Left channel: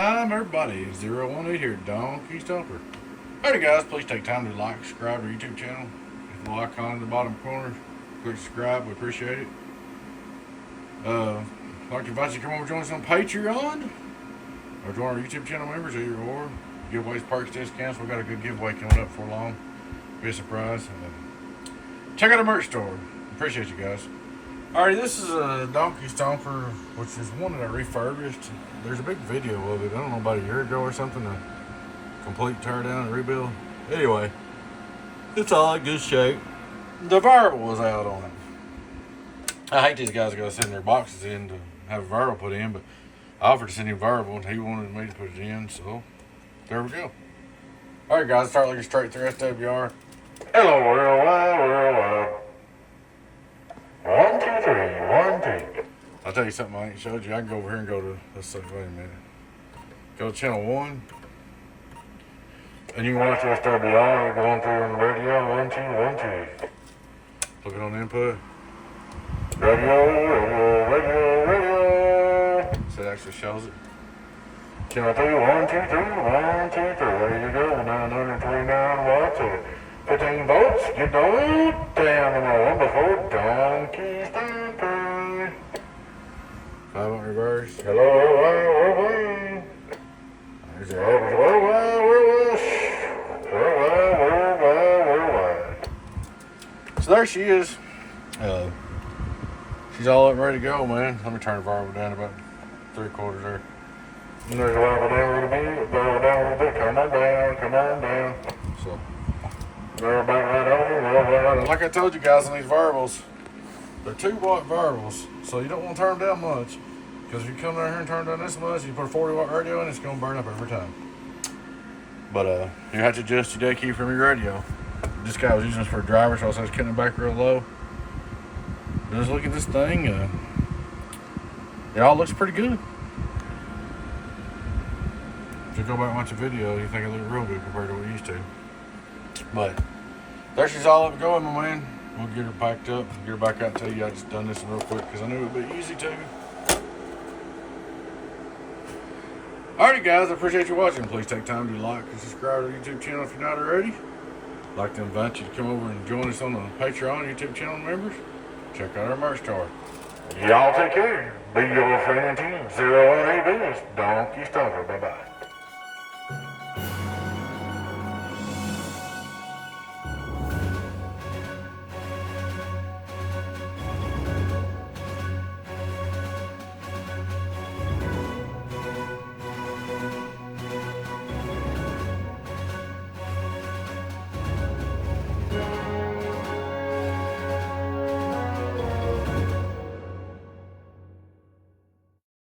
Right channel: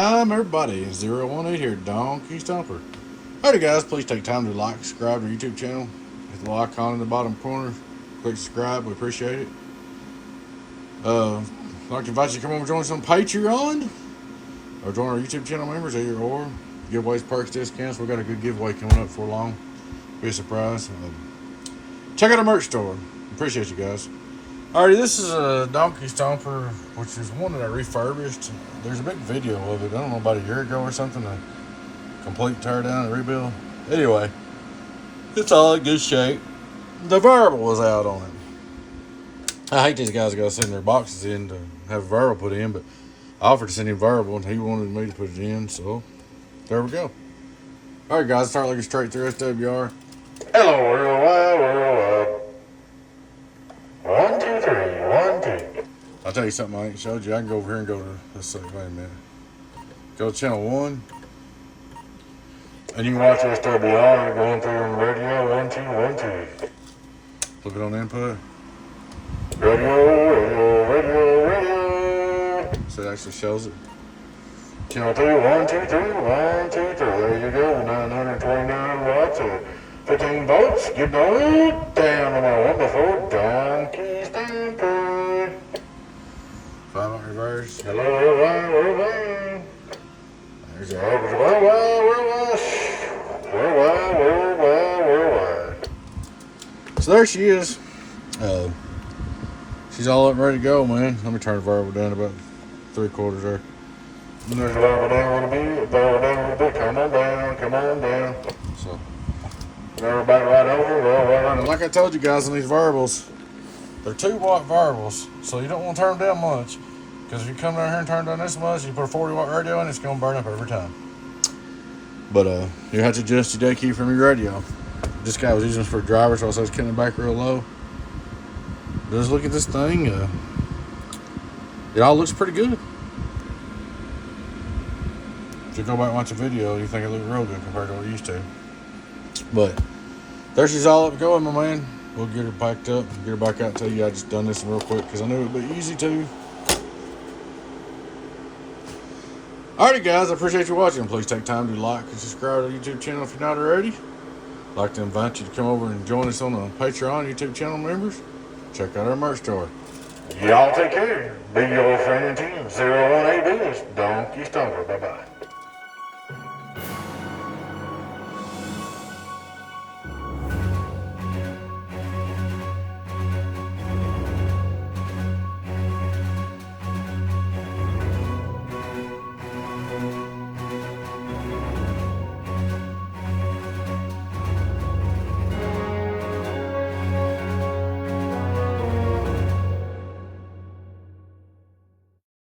time, everybody. It's 018 here, Donkey Stomper. Alrighty, guys, please take time to like, subscribe to our YouTube channel. Hit the little icon in the bottom corner. Click subscribe, we appreciate it. I'd like to invite you to come over and join us on Patreon or join our YouTube channel members, either or. Giveaways, perks, discounts. We've got a good giveaway coming up for long. Be a surprise. Check out our merch store. Appreciate you guys. Alrighty, this is a Donkey Stomper, which is one that I refurbished. There's a big video of it, I don't know, about a year ago or something, a complete tear down and rebuild. Anyway, it's all in good shape. The variable was out on it. I hate these guys got to send their boxes in to have a variable put in, but I offered to send him a variable and he wanted me to put it in, so there we go. Alright, guys, start looking straight through SWR. Hello, worldwide. 1, 2, 3, 1, 2. I'll tell you something I ain't showed you. I can go over here and go to, let's see, wait a minute. Go to channel 1. And you can watch SWR going through on the radio. 1, 2, 1, 2. Look it on the input. Radio. So it actually shows it. Channel 2, 1, 2, 3, 1, 2, 3. There you go. 929 watts. 15 volts, get the hood down on my wonderful Donkey Stomper. 5 on reverse. Hello, worldwide. There's the average worldwide. So there she is. She's all up and ready to go, man. Let me turn the variable down about 3/4 there. And there's a variable down a bit, variable down a bit. Come on down. So. Everybody right over. Well, like I told you guys on these variables, they're 2-watt variables, so you don't want to turn them down much. Because if you come down here and turn down this much, you put a 40-watt radio in, it's going to burn up every time. But you have to adjust your day key from your radio. This guy was using this for a driver, so I was cutting it back real low. Just look at this thing. It all looks pretty good. If you go back and watch the video, you think it looked real good compared to what it used to. But there she's all up going, my man. We'll get her packed up and get her back out to you. I just done this real quick because I knew it would be easy to. Alrighty, guys, I appreciate you watching. Please take time to like and subscribe to our YouTube channel if you're not already. I'd like to invite you to come over and join us on the Patreon YouTube channel members. Check out our merch store. Y'all take care. Be your friend and team. 018 Donkey Stomper. Bye-bye.